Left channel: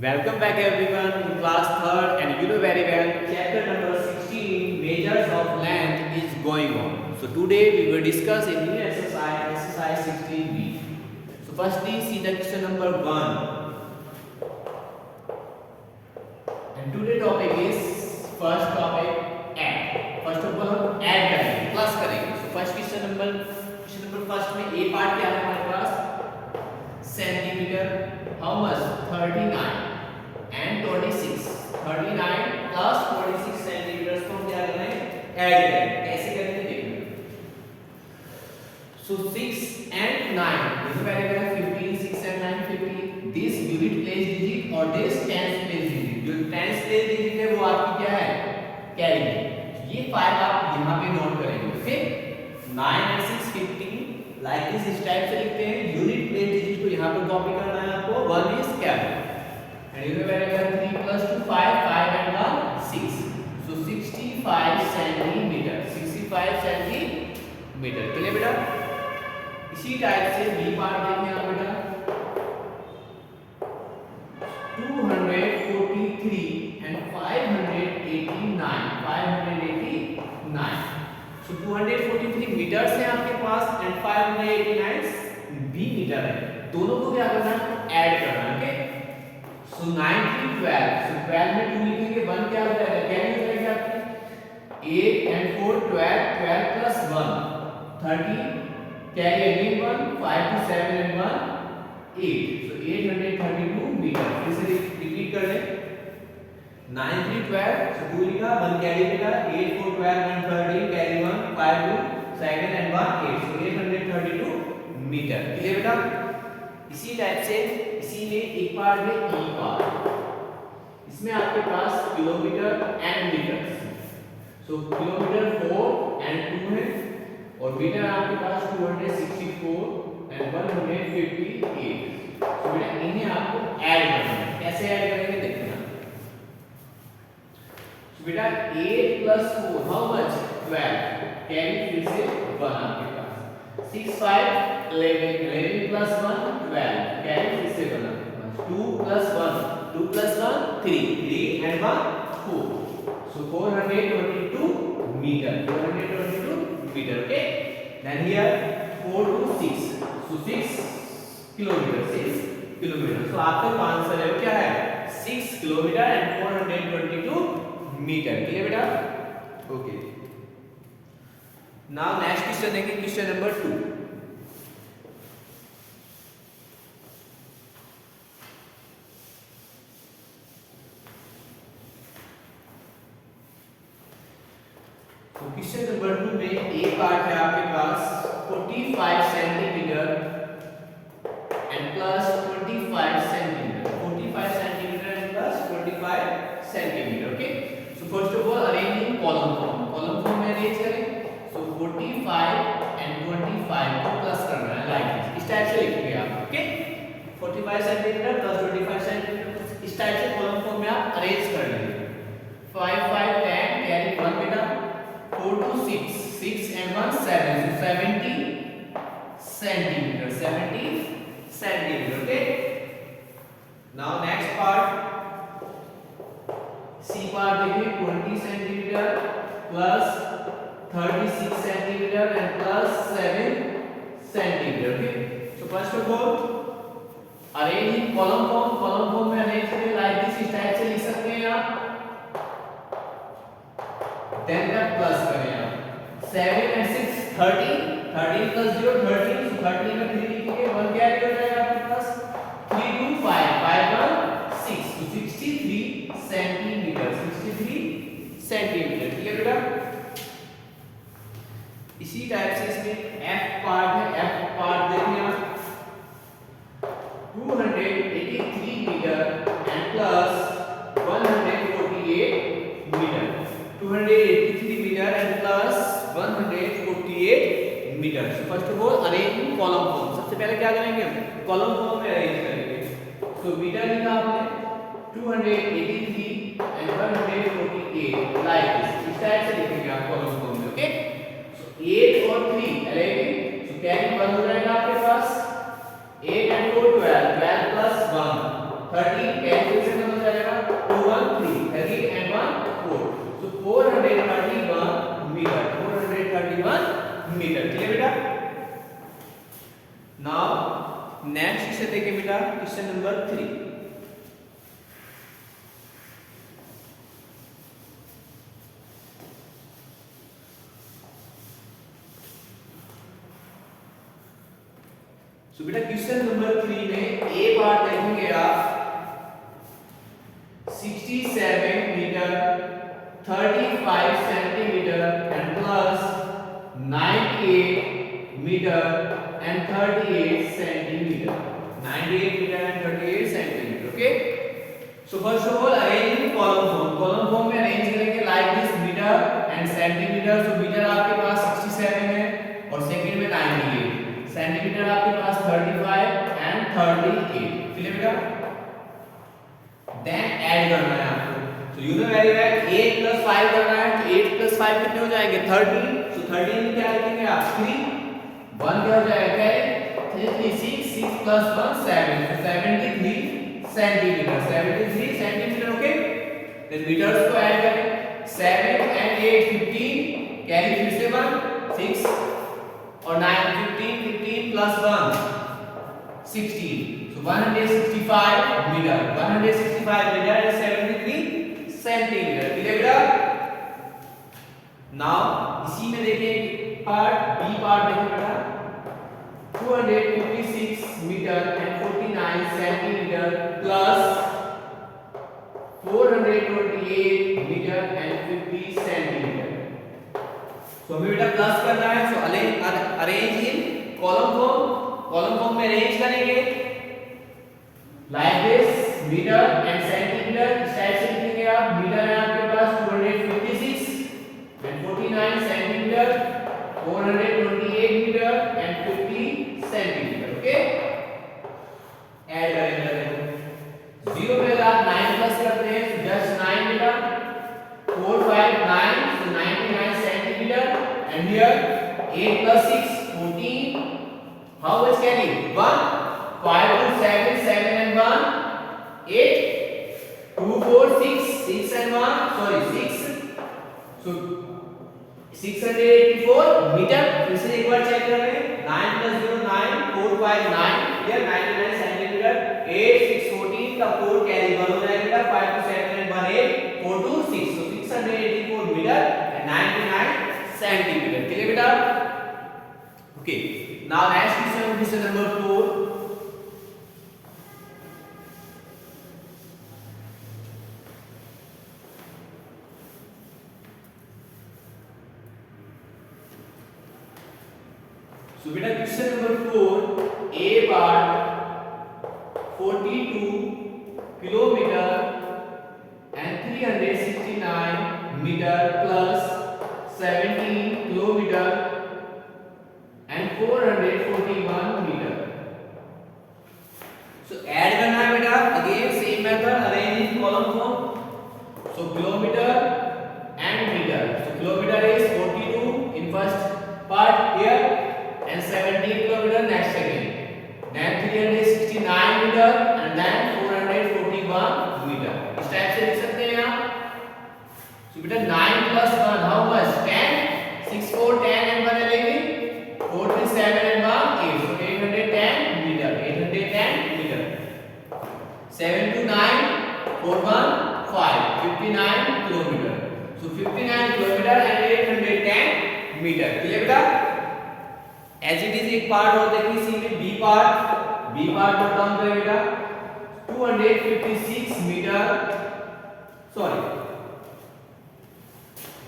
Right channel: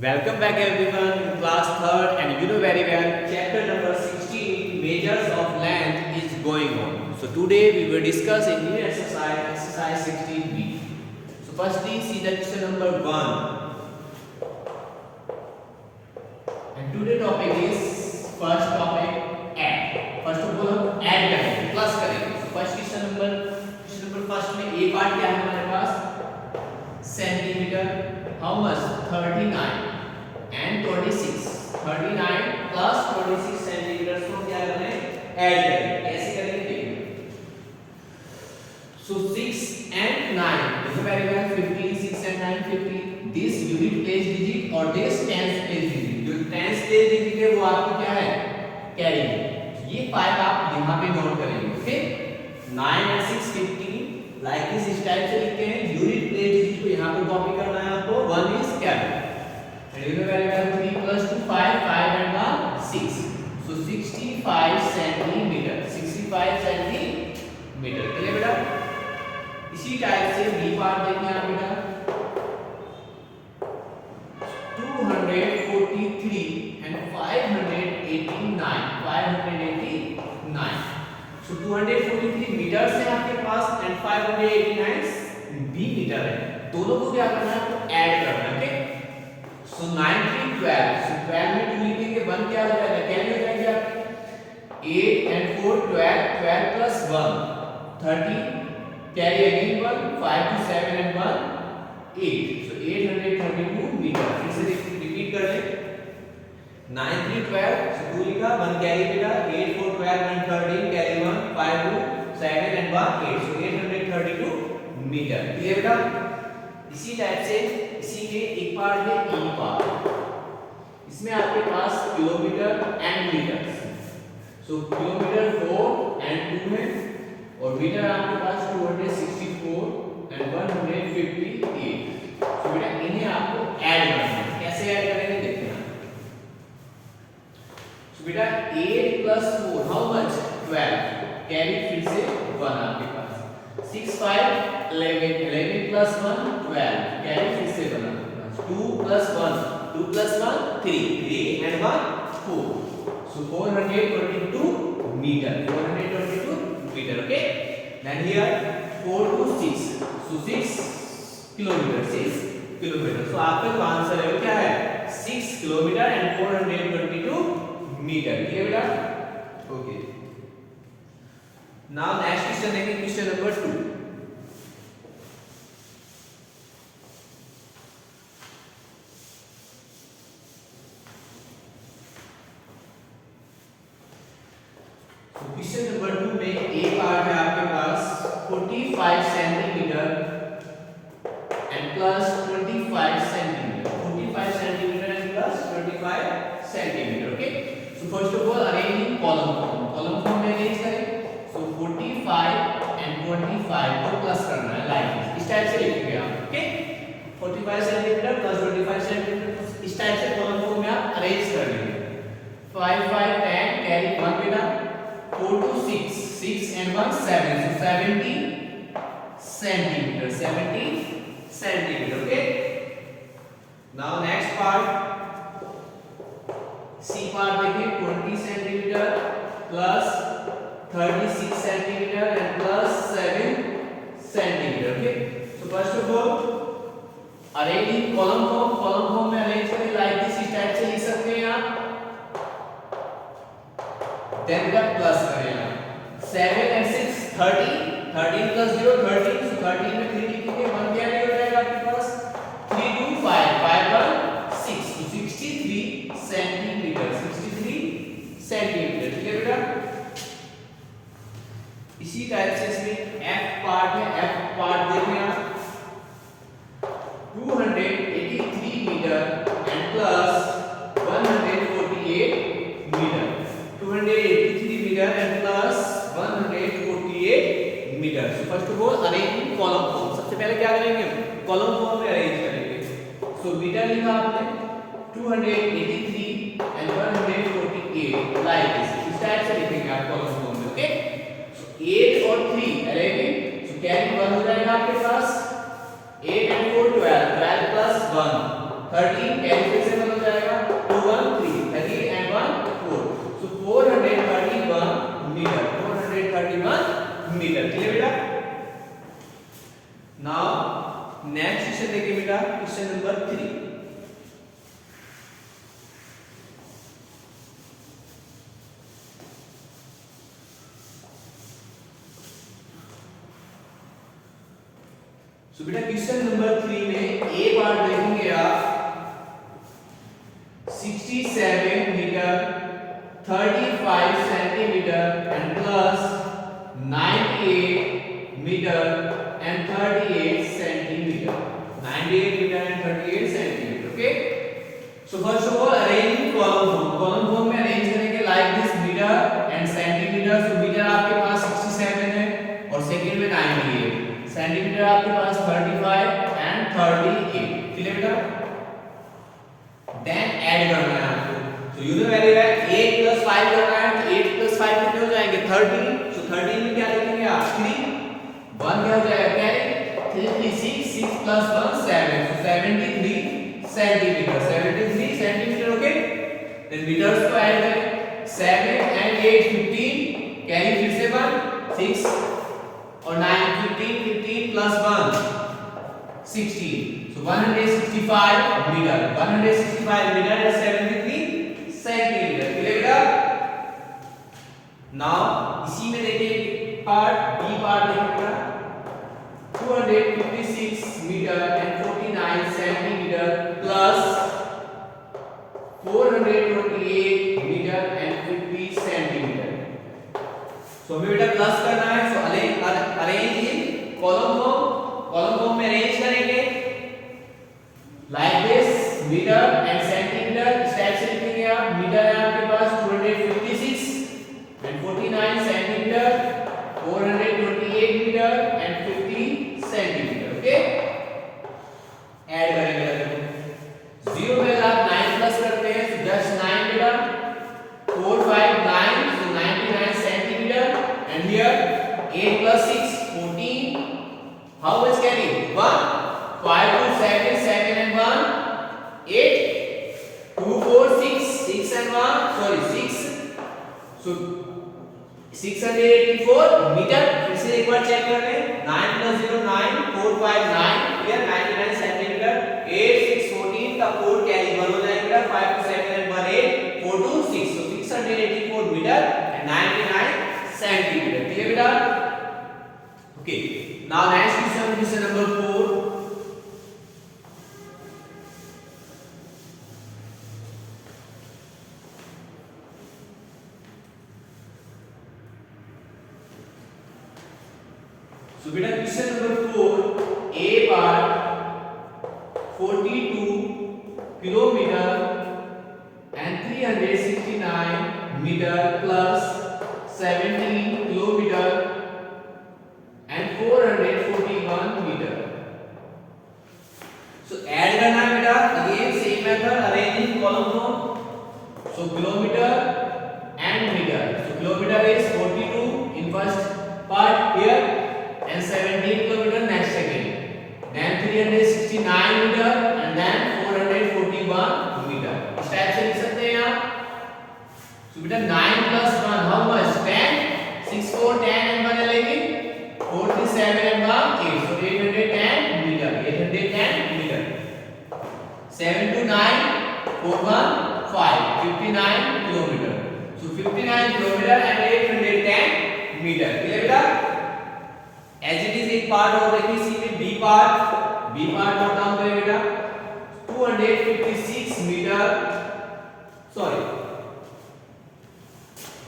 Welcome back everyone in class 3rd and you know very well chapter number 16 measures of length is going on. So today we will discuss a new exercise 16b. So firstly see the question number 1 and today topic is first topic add. First of all हम add करेंगे plus करेंगे. So first question number first में a part क्या है हमारे पास centimetre. How much? 39 and 26. 39 plus 26 centimetre को क्या करें? ऐड करें. कैसे करेंगे देखिए. So 6 and 9. This is very well. 15, 6 and 9, 15. This unit place digit और this tens place digit. जो tens place digit है वो आपकी क्या है? कैरी. ये 5 आप यहाँ पे नोट करेंगे. फिर 9 and 6 15. लाइक दिस इस टाइप से लिखते हैं. यूनिट प्लेस डिजिट को यहाँ पर कॉपी करना है आपको. 1 is capital. Remember 3 plus 2 5 5 and 1 6. So 65 centimetre. 65 centimetre. Clear बेटा. इसी टाइप से बी पार्ट देखें आप बेटा. 243 and 589. 589. So 243 मीटर से आपके पास एंड 589 भी मीटर है. दोनों को क्या करना है? ऐड करना है. ओके. सो 9 3 12. सो 12 में 2 लिखेंगे. 1 क्या हो जाएगा? कैरी हो जाएगा आपकी. 8 and 4 12. 12 plus 1 30. Carry again 1. 5 to 7 and 1 8. So 832 metre. फिर से रिपीट कर लें. 9 3 12. So 2 लिखा. 1 कैरी बेटा. 8 4 12 and 13 carry 1 5 2 7 and 1 8. So 832 metre. Clear बेटा. इसी टाइप से इसी में एक पार्ट है ई पार्ट. इसमें आपके पास kilometre and metre. So kilometre 4 and 2 है और मीटर आपके पास 264 and 158. सो बेटा इन्हें आपको ऐड करना है. कैसे ऐड करेंगे देखते हैं. सो बेटा 8 plus 4 हाउ मच? 12. कैरी फिर से 1 आपके पास. 6 5 11 11 plus 1 12. कैरी फिर से 1 आपके पास. 2 plus 1 2 plus 1 3 3 and 1 4. So 422 meter. 422 meter. Okay. Then here 4 to 6. So 6 kilometer. 6 kilometer. So आपका आंसर है क्या है? 6 किलोमीटर and 422 meter. क्लियर बेटा. Okay. Now next question देखें. Question number 2. तो क्वेश्चन नंबर 2 में ए पार्ट है आपके पास 45 centimetre and plus 25 centimetre. 45 centimetre and plus 25 centimetre. Okay. So first of all arrange in column form. Column form में arrange करें. सो 45 and 25 को plus करना है लाइक इस टाइप से लिखेंगे आप. ओके. 45 सेंटीमीटर प्लस 25 सेंटीमीटर इस टाइप से कॉलम फॉर्म में आप अरेंज कर लेंगे. 5 5 10 कैरी 1 बेटा. 4 to 6 6 and 1 7. So 70 centimeter. 70 centimeter. Okay. Now next part C part देखिए 20 centimeter plus 36 centimeter and plus 7 centimeter. Okay. So first of all arrange in column form. column form में arrange करें like this. इस type से लिख सकते हैं आप. then का प्लस करें आप. 7 and 6 30. 13 plus 0 13. so 13 में 3 लिखेंगे. 1 कैरी हो जाएगा आपके पास. 3 2 5 5 1 6. so 63 centimetre. 63 सेंटीमीटर. ठीक है बेटा. इसी टाइप से इसमें एफ पार्ट है. एफ पार्ट देखें आप 283 metre and plus 148 metre. 283 meter and plus 148 meter. So first of all arrange in column form. सबसे पहले क्या करेंगे हम? column form में arrange करेंगे. So meter लिखा आपने 283 and 148 like this. इस टाइप से लिखेंगे आप column form में. Okay. So 8 और 3 11. So carry 1 हो जाएगा आपके पास. 8 and 4 12. 12 plus 1 13. Carry से नाउ नेक्स्ट क्वेश्चन देखिए बेटा, क्वेश्चन नंबर 3। सो बेटा क्वेश्चन नंबर 3 में ए पार्ट देखेंगे आप 67 metre 35 centimetre and plus 98 metre and 38 centimetre, 98 metre and 38 centimetre. Okay, so first of all arrange in column form. Column form में arrange करेंगे like this, metre and centimetre. So metre आपके पास 67 है और second में 98, centimetre आपके पास 35 and 38। Clear बेटा? Then add करना है आपको। तो you know very well 8 plus 5 करना है, तो 8 प्लस 5 कितने हो जाएंगे? 30। सो 30 में क्या लिखेंगे आप? 3 1 क्या हो जाएगा? Carry 3 3 6 6 plus 1 7, so 73 centimetre, 73 centimetre. Okay, then metres को ऐड करें, 7 एंड 8 15, कैरी फिर से 1 6 और 9 15 15 plus 1 16, so 165 metre, 165 metre is 73 centimetre. Clear बेटा? नाउ इसी में देखिए पार्ट बी, पार्ट देखिए बेटा 256 metre and 49 centimetre plus 428 metre and 50 centimetre. तो हमें बेटा प्लस करना है, so arrange in column form. Column form में अरेंज करेंगे like this, metre and centimetre. इस टाइप से लिखेंगे आप। मीटर है आपके पास 256 and 49 centimetre, 428 metre and 50 centimetre. Okay, add करेंगे। देखो 0 में अगर आप 9 प्लस करते हैं तो जस्ट 9 बेटा, 4 5 9, so 99 centimeter, and here 8 plus 6 14, how much carry? 1 5 2 7 7 and 1 8 2 4 6 6 and 1 sorry 6, so 684 metre. फिर से एक बार चेक कर रहे हैं, 9 plus 0 9 4 5 9, here 99 सेंटीमीटर, 8 6 14 का 4 कैरी 1 हो जाएगा, 5 2 7 and 1 8 4 2 6, so 684 metre and 99 centimetre. Clear बेटा? Okay, now next question, question number 4। So बेटा question number 4, a part 42 kilometre and 369 metre plus 17 kilometre and 441 metre. So add करना है बेटा, again same method, arrange in column form. So kilometre and metre, so kilometre is 42 in first part here and 17 kilometer next again, then 369 meter and then 441 meter। इस type से लिख सकते हैं आप। so बेटा 9 plus 1 how much? 10, 6 4 10 and 1 11, 4 3 7 and 1 8, so 810 meter, 810 meter। 7 to 9 4 1 5 59 kilometer, so 59 kilometer and 810 meter। Clear बेटा? As it is एक part और देखिए सी में बी पार्ट नोट डाउन करें बेटा, 256 metre sorry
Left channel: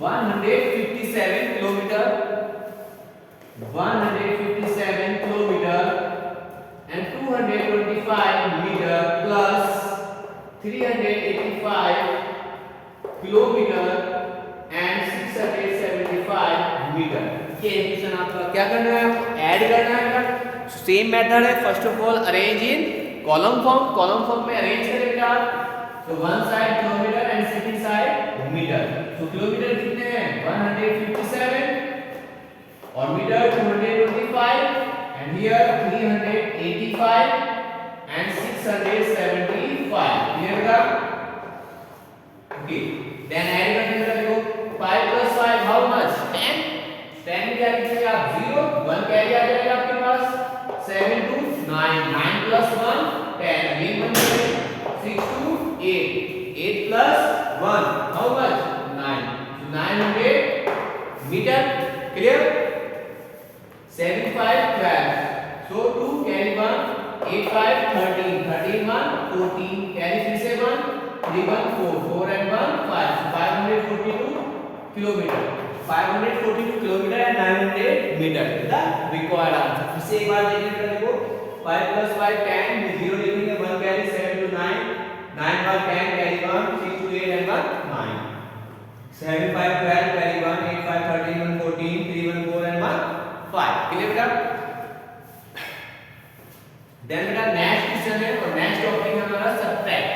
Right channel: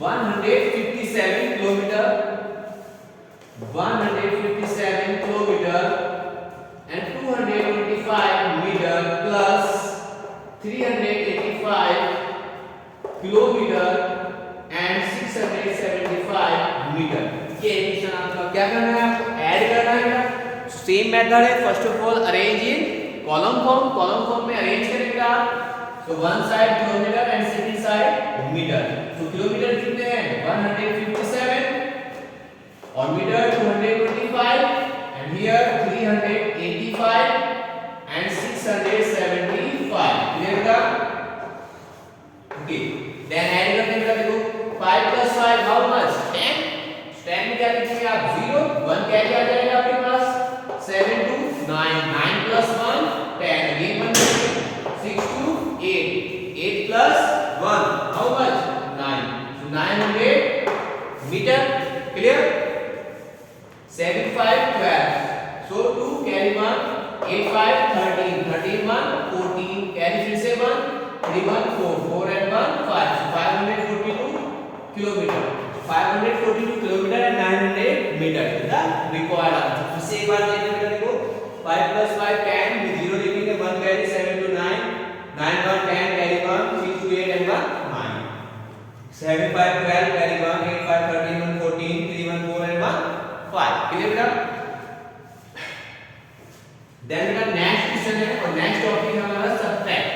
157 kilometre, 157 kilometre and 225 metre plus 385 kilometre and 675 metre. ये question आपका क्या करना है? ऐड करना है। सेम मेथड है, first of all arrange in column form. Column form में अरेंज करेंगे आप, तो one side kilometre and second side metre. तो किलोमीटर कितने हैं? 157 और metre 225 and here 385 and 675। Clear था? ओके, देन ऐड करते हैं बेटा। देखो 5 plus 5 how much? 10। 10 में क्या लिखेंगे आप? 0 1 कैरी आ जाएगा आपके पास, 7 to 9, 9 plus 1 10, again 1 minute, 6 to 8, 8 plus 1 how much 9, so 900 meter, clear. 7 5 12, so 2 carry 1, 8 5 13, 13 1 14, carry फिर से 1, 3 1 4, 4 and 1 5, so 542 kilometer, 542 kilometer and 900 meter the required answer. फिर से एक बार देखिए बेटा, देखो 5 plus 5 10, 0 लिखेंगे, 1 carry 7 to 9, 9 1 10 carry 1, 6 to 8 and 1 9, 7 5 12 carry 1, 8 5 13 1 14, 3 1 4 and 1 5, clear बेटा. देन बेटा नेक्स्ट क्वेश्चन है और नेक्स्ट टॉपिक है हमारा सबट्रैक्ट.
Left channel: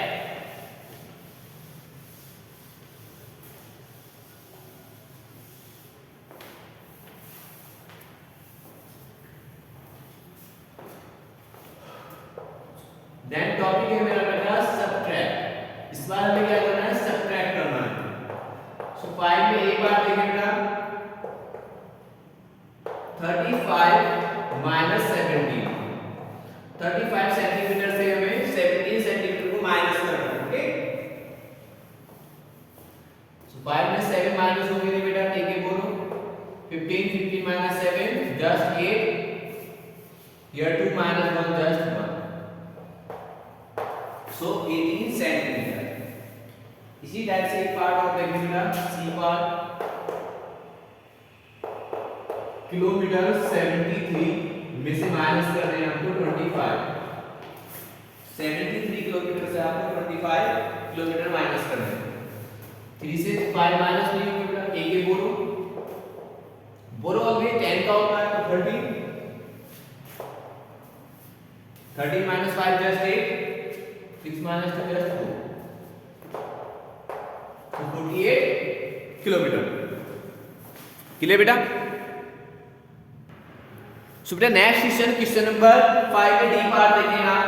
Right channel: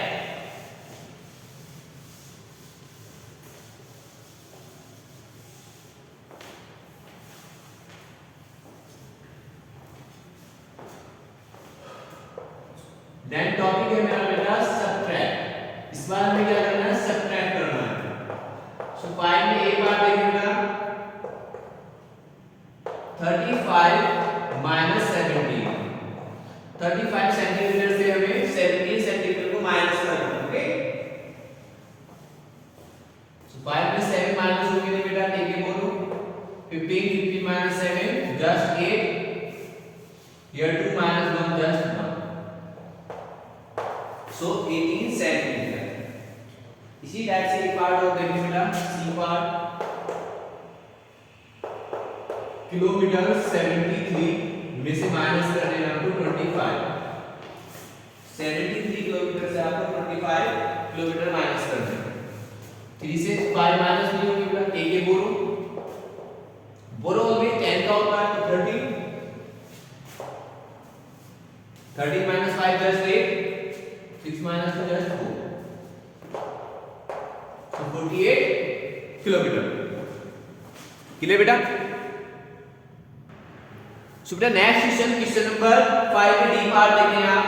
देन टॉपिक है मेरा बेटा सबट्रैक्ट. इस बार हमें क्या करना है, सबट्रैक्ट करना है. सो 5 में एक बार देखिए बेटा 35 minus 17, 35 सेंटीमीटर से हमें 17 सेंटीमीटर को माइनस करना है. ओके, सो 5 में 7 माइनस हो गया बेटा, ठीक है बोलो 15, 15 minus 7 just 8, here 2 minus 1 just 1, so 18 centimetre. इसी टाइप से एक पार्ट और देखिए बेटा, सी पार्ट किलोमीटर 73 में से माइनस कर देना आपको 25, 73 किलोमीटर से आपको 25 किलोमीटर माइनस करना है. 3 से 5 माइनस नहीं होगी बेटा, ठीक है बोलो बोलो ऑलरेडी 10 का होता है तो 30, 30 minus 5 just 8, 6 minus 2 just 2, so 48 kilometre. Clear बेटा. सो बेटा नेक्स्ट क्वेश्चन नंबर 5 में डी पार्ट देखें आप.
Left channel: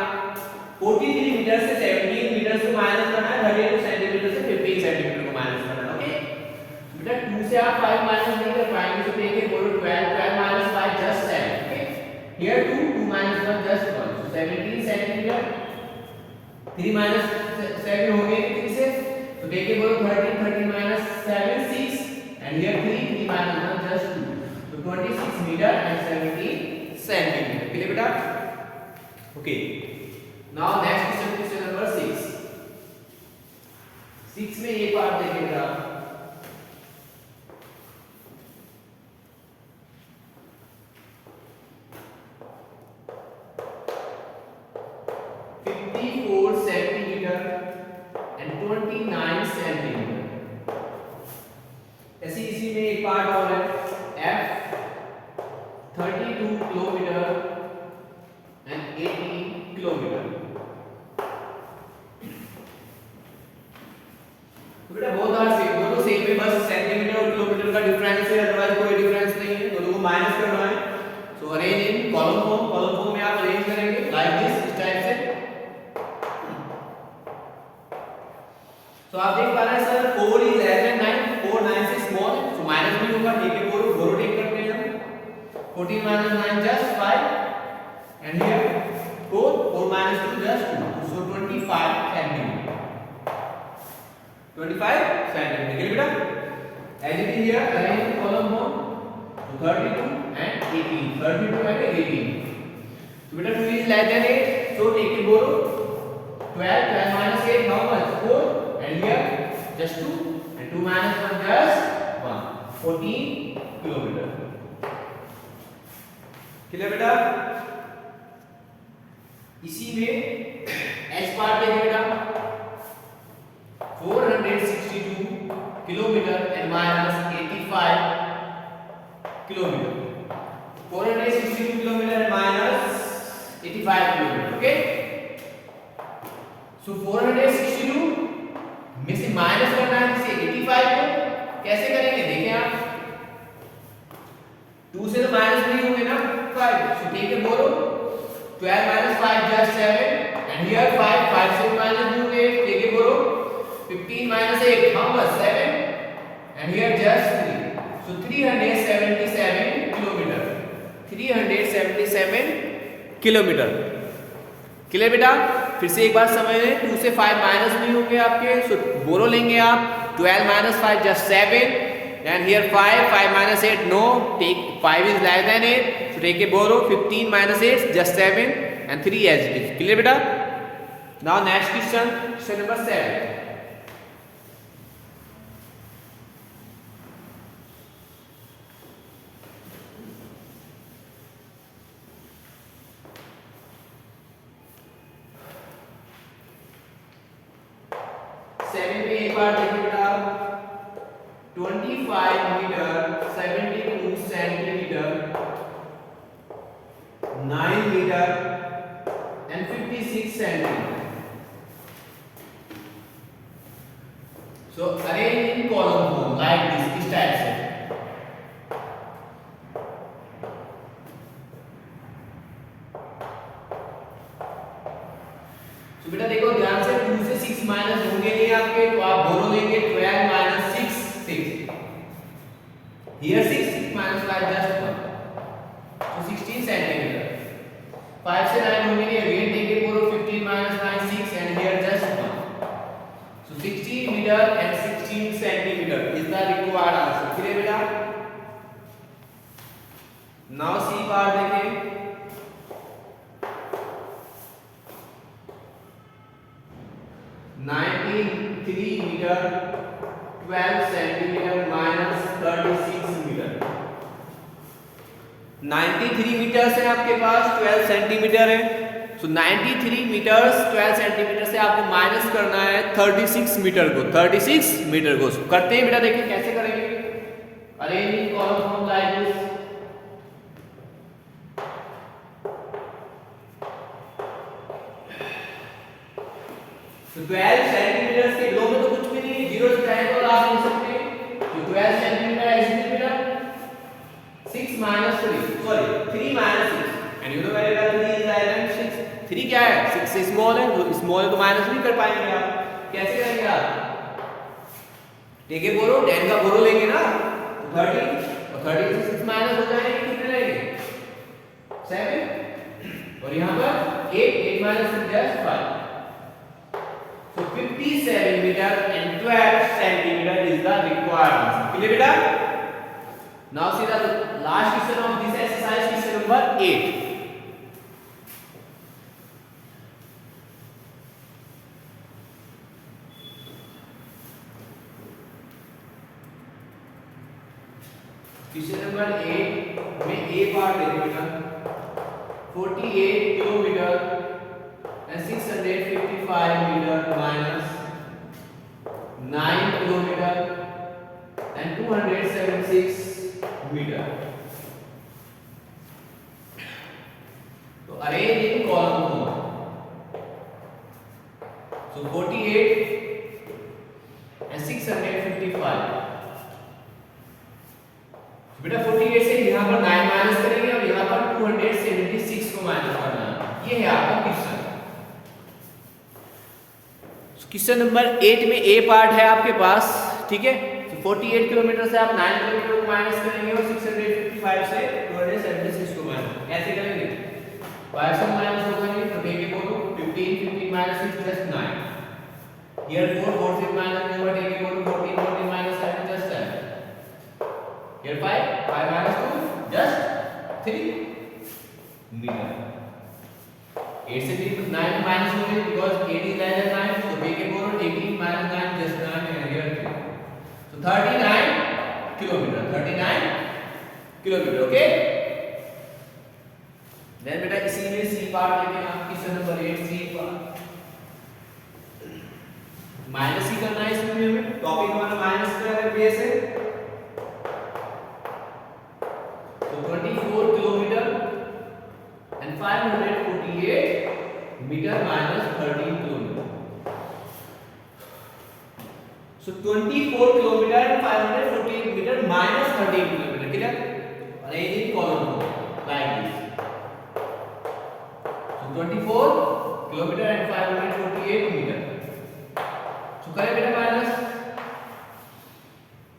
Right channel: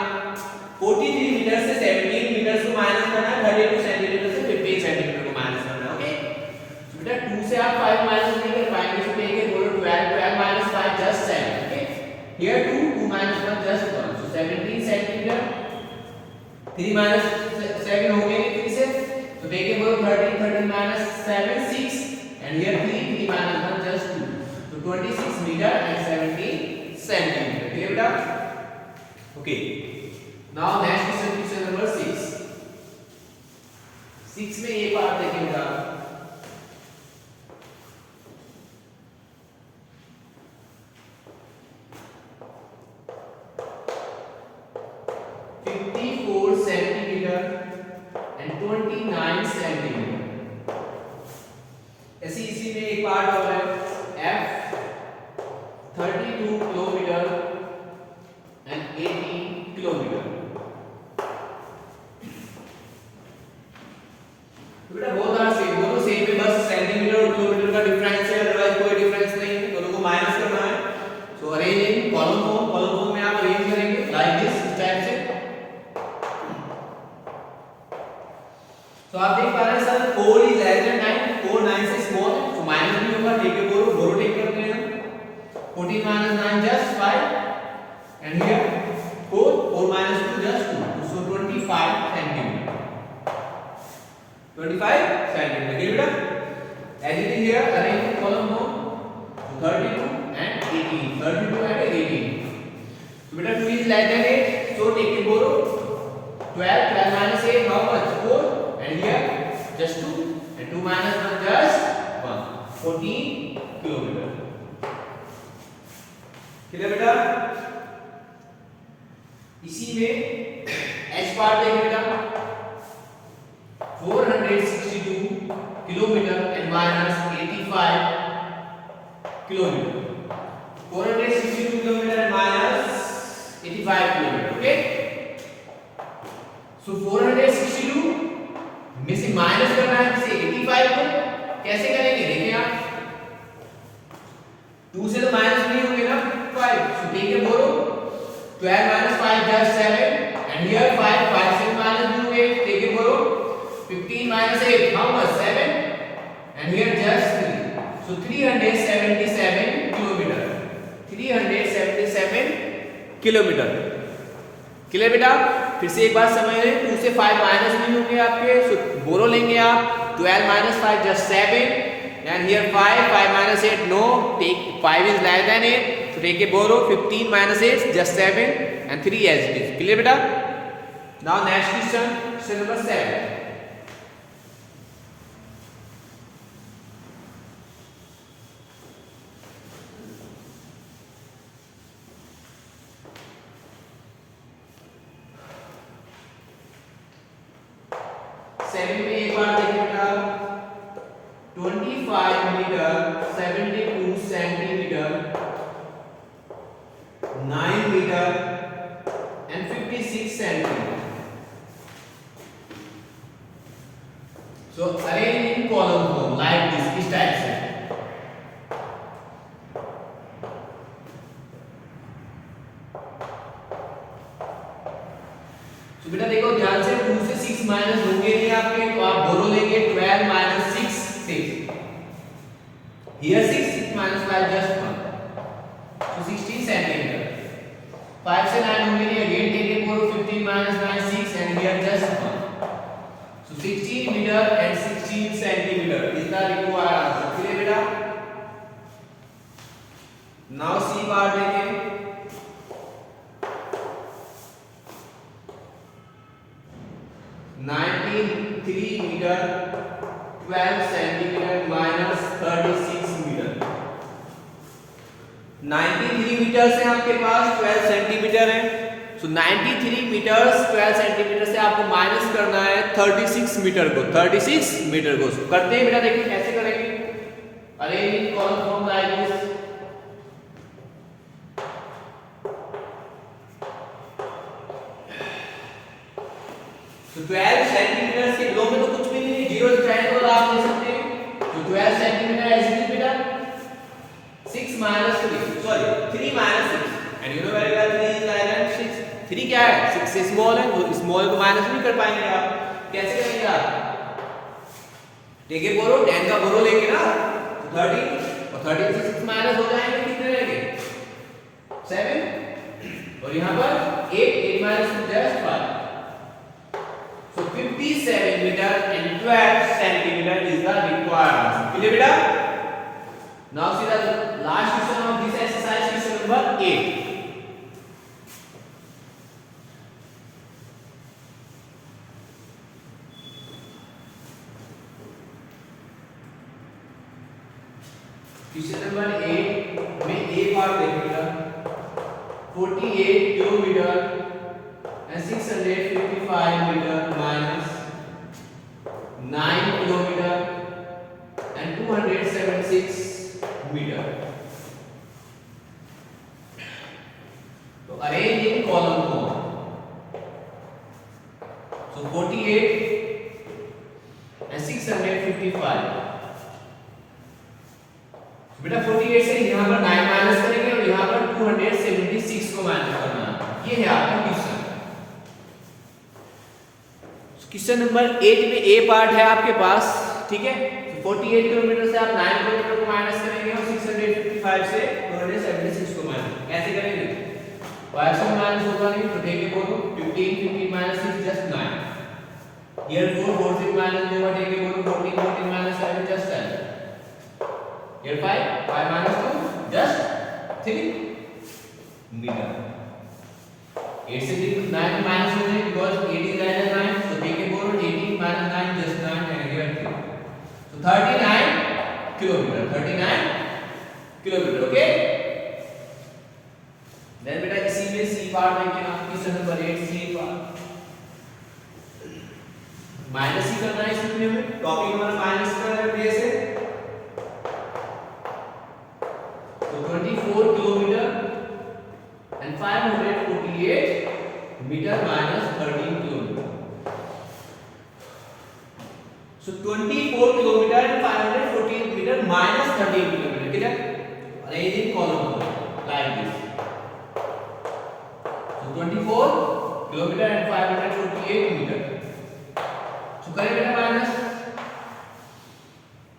43 मीटर से 17 मीटर को माइनस करना है, 32 सेंटीमीटर से 15 सेंटीमीटर को माइनस करना है. ओके, सो बेटा 2 से आप 5 माइनस नहीं कर पाएंगे, सो टेक बोलो 12, 12 minus 5 just 7. Okay, here 2, 2 minus 1 just 1, so 17 centimetre. 3 minus 7 हो गए 3 से, तो टेक बोलो 13, 13 minus 7 6 and here 3, 3 minus 1 just 2, so 26 meter and 17 centimetre. Clear बेटा. Okay, now next question number 6. 6 में ये पार्ट देखिए बेटा, सेंटीमीटर एंड 29 सेंटीमीटर. ऐसे इसी में एक पार्ट और है F 32 किलोमीटर एंड 80 किलोमीटर. बेटा बहुत सारा सेम, दोनों सेम है, बस सेंटीमीटर और किलोमीटर का डिफरेंस है, अदरवाइज कोई डिफरेंस नहीं है. दोनों को माइनस करना है. So arrange in column form में आप अरेंज करेंगे लाइक दिस टाइप से. तो आप देख पा रहे हैं सर 4 इज लेस देन 9, 4 9 से स्मॉल, तो माइनस नहीं होगा. ठीक है बोलो, बोरो टेक करते हैं. 14 minus 9 just 5 and here 4, 4 minus 2 just 2, so 25 centimeter. 25 centimeter. Clear बेटा. As it is here, arrange the column form. So 32 and 18, 32 and 18. So बेटा 2 is less than 8, so take it borrow. 12, 12 minus 8 how much? 4 and here just 2 and 2 minus 1 just 1, 14 kilometer. Clear बेटा. इसी में h part देखिए बेटा 462 kilometre and minus 85 kilometre. 462 kilometre and minus 85 kilometre. Okay, so 462 में से minus करना है किसे 85 को. कैसे करेंगे देखें आप, 2 से तो माइनस नहीं होंगे ना 5, so take a borrow 12 minus 5 just 7 and here 5 से minus नहीं होंगे, take a borrow 15 minus 8 how much 7 and here just 3, so 377 kilometer, 377 kilometre. Clear बेटा? फिर से एक बात समझ लें, 2 से 5 माइनस नहीं होंगे आपके, सो बोरो लेंगे आप 12 minus 5 just 7 and here 5 minus 8 no, take 5 is less than 8, so take a borrow 15 minus 8 just 7 and 3 as it is. Clear beta? Now next question number 7. Seven में एक बार देखिए बेटा, 25 metre 72 centimetre 9 metre and 56 centimetre. So arrange in column form like this, इस type से. तो बेटा देखो ध्यान से, 2 से 6 माइनस होंगे नहीं आपके, तो आप बोरो लेंगे 12 minus 6 6. Here 6 minus 5 just 1, so 16 centimeter. 5 से 9 होंगे नहीं, again take a borrow 15 minus 9 6 and here just 1, so 16 meter and 16 centimeter is the required answer. clear बेटा? Now C part देखें. 93 metre 12 centimetre minus 36 metre. 93 metre से आपके पास 12 centimetre है, तो 93 metre 12 centimetre से आपको माइनस करना है 36 मीटर को. 36 मीटर को करते हैं बेटा, देखिए कैसे करेंगे. Arrange in column form like this. तो 12 सेंटीमीटर के बिलो में तो कुछ भी नहीं है, जीरो चाहे तो आप ले सकते हैं. तो 12 सेंटीमीटर ऐसे ही बेटा 6 minus 3, sorry 3 minus 6, and you know very well 3 is less than 6. 3 क्या है? 6 से स्मॉल है, तो स्मॉल को माइनस नहीं कर पाएंगे आप. कैसे करेंगे आप? देखिए बोरो 10 का बोरो लेंगे ना, तो 30 और 30 से 6 माइनस हो जाएंगे, कितने रहेंगे? 7. और यहां पर 8 minus 2 just 5. So 57 meter and 12 centimeter is the required answer. Clear beta? Now see the last question of this exercise, question number 8. Question number 8 में A पार्ट देखिएगा. 48 kilometre and 655 meter minus 9 kilometer and 276 meter. So arrange in column form. So 48 and 655. So बेटा 48 से यहाँ पर 9 minus करेंगे और यहाँ पर 276 को माइनस करना है. ये है आपका क्वेश्चन. क्वेश्चन नंबर 8 में ए पार्ट है आपके पास, ठीक है. तो 48 किलोमीटर से आप 9 किलोमीटर को माइनस करेंगे और 655 से 276 को माइनस ऐसे करेंगे. 5 से माइनस होगा नहीं, तो देखिए बोलो 15 minus 6 just 9. Here 4 से माइनस होगा, देखिए बोलो 14 minus 7 just 10. Here 5 minus 2 just 3 meter. 8 से 3 9 minus हो जाएगा because 8 is less than 9, so take a borrow 18 minus 9 just 9 and here 3. So 39 kilometer. 39 kilometer. Okay. Then बेटा इसी में C पार्ट लेके आप question number 8 C part minus ही करना है. इसमें हमें टॉपिक हमारा माइनस का बेस है. तो 24 kilometre and 548 meter minus 13 kilometer. So 24 kilometer and 548 meter minus 13 kilometer. Clear? Arrange in column like this. So 24 kilometer and 548 meter. So करें बेटा माइनस.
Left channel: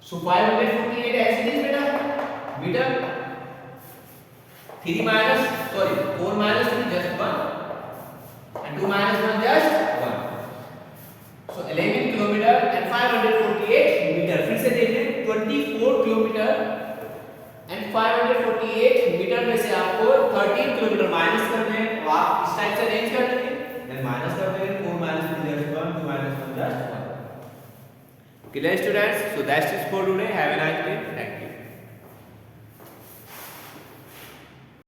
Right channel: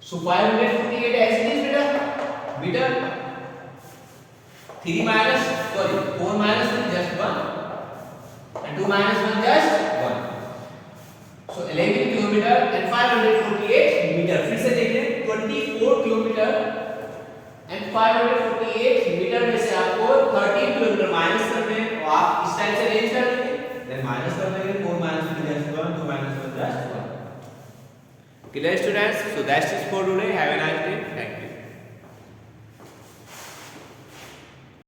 So 548 ऐसे दिस बेटा metre 3 minus, sorry, 4 minus 3 just 1 and 2 minus 1 just 1. So 11 kilometer and 548 meter. फिर से देख लें 24 kilometre and 548 metre में से आपको 13 किलोमीटर माइनस करने हैं, तो आप इस टाइप से अरेंज कर लेंगे, देन माइनस कर देंगे 4 minus 3 just 1, 2 minus 1 just 1. Clear students? So that's it for today. Have a nice day. Thank you.